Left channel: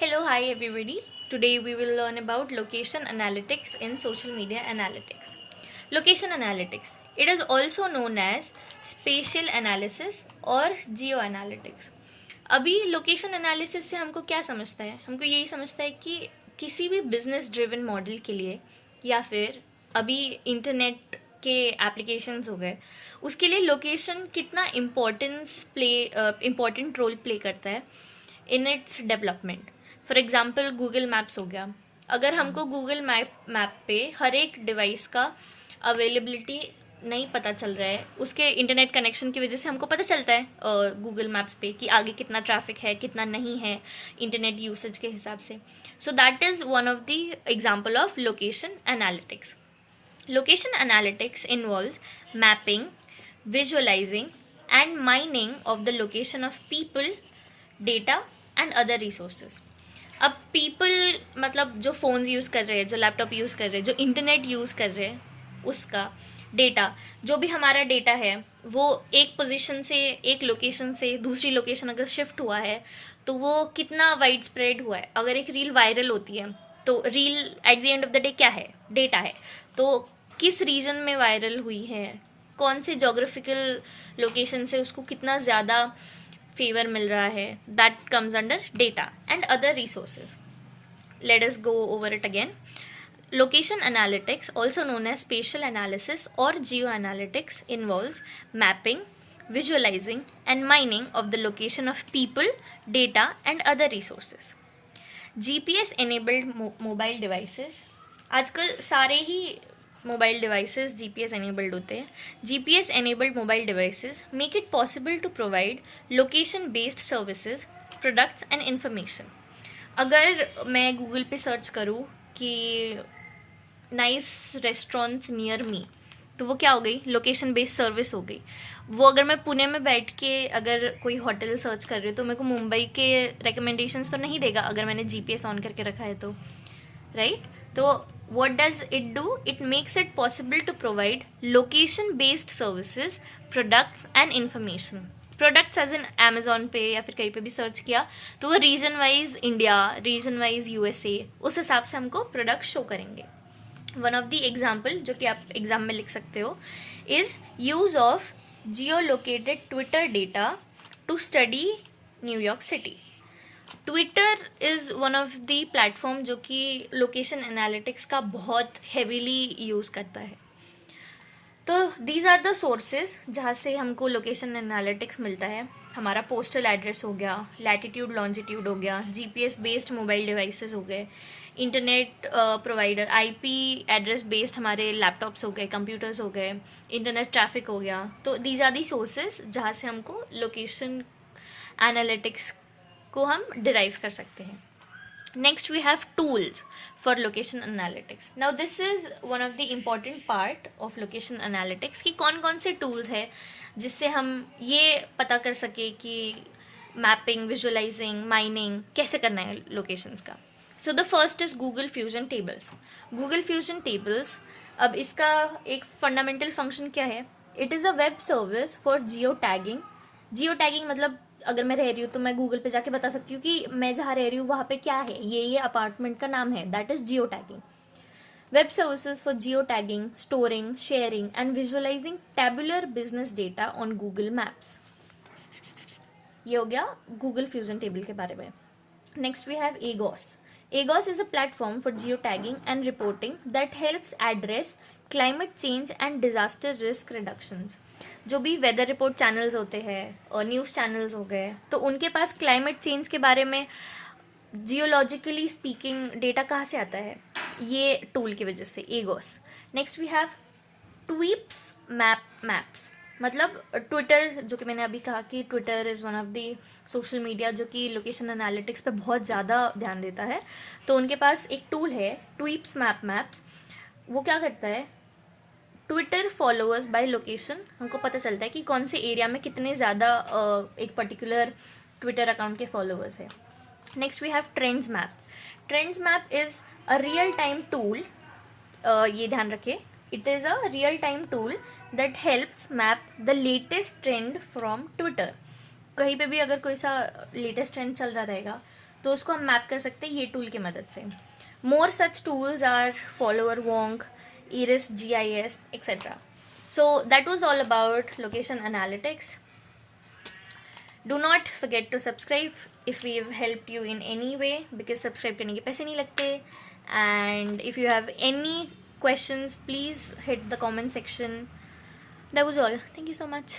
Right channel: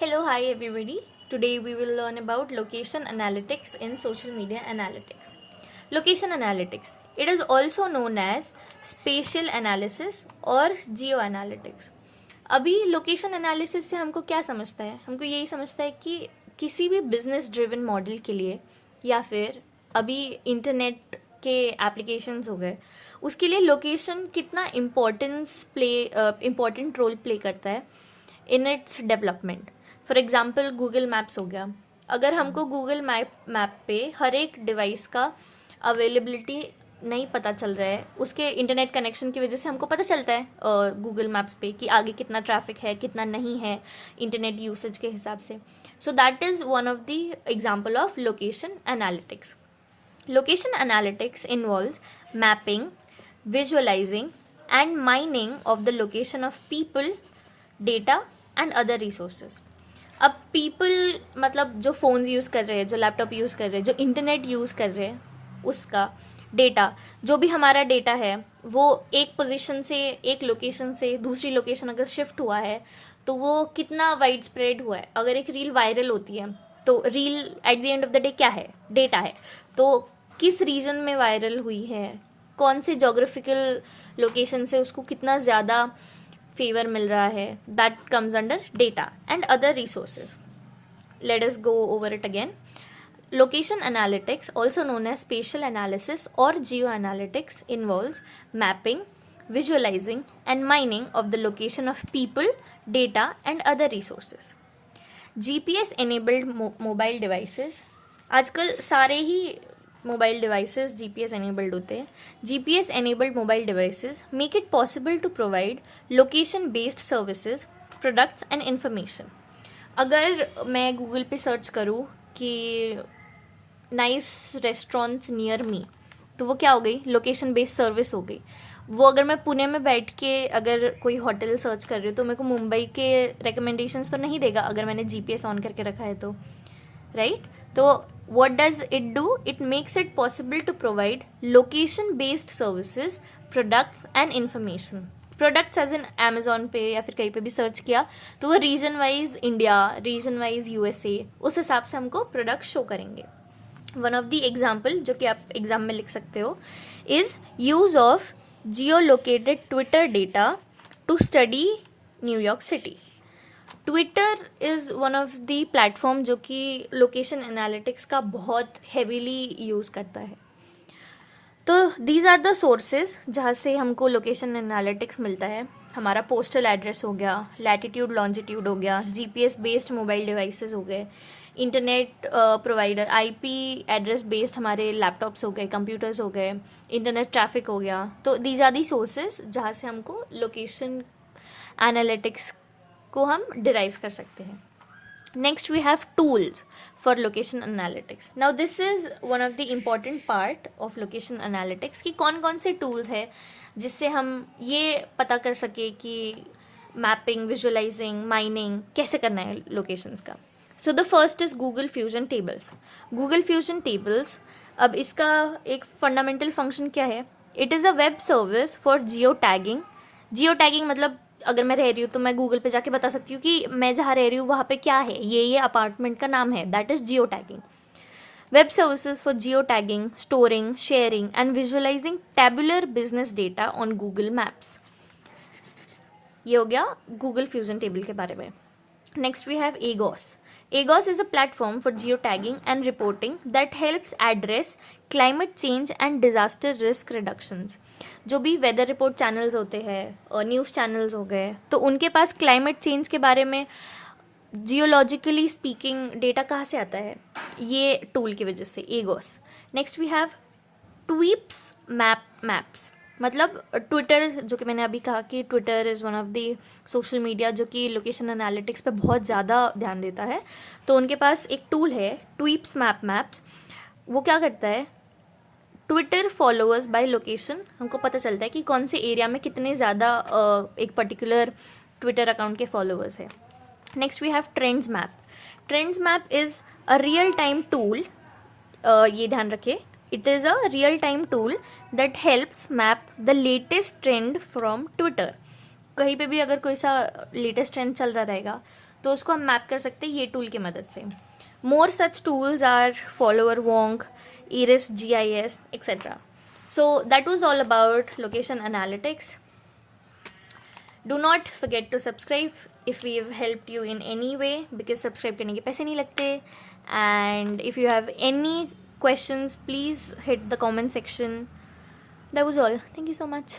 Hello, hi everybody. Today we will learn about location analytics in social media analytics. Location analytics. It is also known as spatial analysis और geo analytics. अभी location analysis से हमको क्या समझता है? हमको यही समझता है कि किसी भी बिजनेस ड्रिवन मॉडल के लिए या फिर अभी इंटरनेट के एप्लीकेशंस हो गए उसके लिए लोकेशन कितना इम्पोर्टेंट रोल प्ले करता है in its development. For example Google maps हो गया. अगर हमको गूगल मैप पे हर एक डिवाइस का अवेलेबिलिटी नहीं पता चल रहा है, उसके इंटरनेट कनेक्शन की वजह से हमको पता चलता है गूगल मैप्स पे कि आगे कितना ट्रैफिक है कितना नहीं है इंटरनेट यूसेज के हिसाब से. So that is one of the example of location analytics. Location analytics involves mapping, visualizing, and mining of the location of people, data, and other resources. अब people मतलब जो फ़ोन्स यूज़ कर रहे हैं, जो लैपटॉप यूज़ कर रहे हैं, जो इंटरनेट यूज़ कर रहे हैं, उसका डेटा, जो भी हमारा डेटा है वो एक पोजीशन से एक लोकेशन से दूसरी लोकेशन अगर शिफ्ट हुआ है तो वो कितना वाइड स्प्रेड हुआ है. अगर एक रील वायरल होती है तो reel at the end of the day क्या है? डेटा है. तो किस रीजन में वायरल हुई है, कौन से जोग्राफिकल लोकेशन से उसको कितना ज़्यादा फेवर मिल रहा है, that comes under data and other resources. Let us go over it again. Location analytics, also known as spatial analysis or geoanalytics, involves mapping, visualizing, and mining of the location of people, data, and other resources. GPS enabled mobile devices. आजकल सारे ही mobile devices GPS enabled होते हैं. GPS enabled mobile devices make it possible to provide location based services, products and information. अगर मैं Google पे search करूँ कि नाइस रेस्टोरेंट्स नियर मी, तो वो क्या हो गई? लोकेशन बेस्ड सर्विस हो गई. वो अगर मैं पुणे में बैठ के अगर कोई होटल सर्च कर रही हूँ तो मेरे को मुंबई के रिकमेंडेशंस तो नहीं देगा अगर मैंने जीपीएस ऑन करके रखा है तो, राइट? तो what does it do? It makes it possible to provide location based services, products and information. Products as in Amazon पे या फिर कहीं पे भी सर्च किया तो वो region wise India, region wise USA, उस हिसाब से हमको प्रोडक्ट शो करेंगे. वन ऑफ द एग्जाम्पल जो कि आप एग्जाम में लिख सकते हो is use of geo located Twitter data to study New York city. Twitter is one of the platform जो कि लोकेशन एनालिटिक्स का बहुत हेवीली यूज़ करता है. तो दीज आर द सोर्सेज जहाँ से हमको लोकेशन एनालिटिक्स मिलता है. हमारा पोस्टल एड्रेस हो गया, लैटिट्यूड लॉन्जिट्यूड हो गया, जीपीएस बेस्ड मोबाइल डिवाइसेस हो गए, internet provider IP address based हमारे लैपटॉप्स हो गए, कंप्यूटर्स हो गए, इंटरनेट ट्रैफिक हो गया. तो दीज आर दी सोर्सेज जहाँ से हमको लोकेशन एनालिटिक्स को हम डिराइव कर सकते हैं. Next we have tools for location analytics. Now this is one of the important part of location analytics कि कौन कौन से टूल्स है जिससे हम ये पता कर सके कि मैपिंग, विजुअलाइजिंग, माइनिंग कैसे करना है लोकेशंस का. So the first is Google fusion tables. Google fusion tables, अब इसका एक फंडामेंटल फंक्शन क्या है? It is a web service for geo tagging. Geo tagging मतलब अगर मैं रह रही हूँ तो मैं गूगल पे जाके बता सकती हूँ कि मैं जहाँ रह रही हूँ वहाँ पे क्या है, ये अपार्टमेंट का नाम है, that is geo tagging. Web services for geo tagging, storing, sharing and visualizing tabular business data on Google Maps. ये हो गया गूगल फ्यूजन टेबल के बारे में. Next we have Agos. Agos is a platform for geotagging and reporting that helps address climate change and disaster risk reductions. जो भी weather report channels होते हैं और न्यूज़ चैनल्स हो गए तो उनके पास क्लाइमेट चेंज के बारे में जियोलॉजिकली स्पीकिंग डेटा कहाँ से आता है? ये टूल की वजह से, Agos. Next we have Tweeps Maps. मतलब ट्विटर, जो कि मैंने अभी कहा कि Twitter is one of the social media जो कि लोकेशन एनालिटिक्स पे बहुत ज़्यादा ध्यान देता है. तो उनके पास एक टूल है ट्वीप्स मैप्स. वो क्या करता है? ट्विटर फॉलोअर्स बाय लोकेशन हमको पता चलता है कि कौन से एरिया में कितने ज़्यादा एक पर्टिकुलर ट्विटर अकाउंट के फॉलोअर्स है. Next we have trends map. Trends map is a real time tool. ये ध्यान रखिए, it is a real time tool that helps map the latest trend from Twitter. कहीं पे भी अगर कोई सा लेटेस्ट ट्रेंड चल रहा रहेगा तो उसको हम मैप कर सकते हैं ये टूल की मदद से. More such tools are follower wonk, Iris GIS etc. So that was all about location analytics. Do not forget to subscribe if we've helped you in any way, because subscribe करने के पैसे नहीं लगते. And if you have any questions, please hit the comment section. That was all. Thank you so much.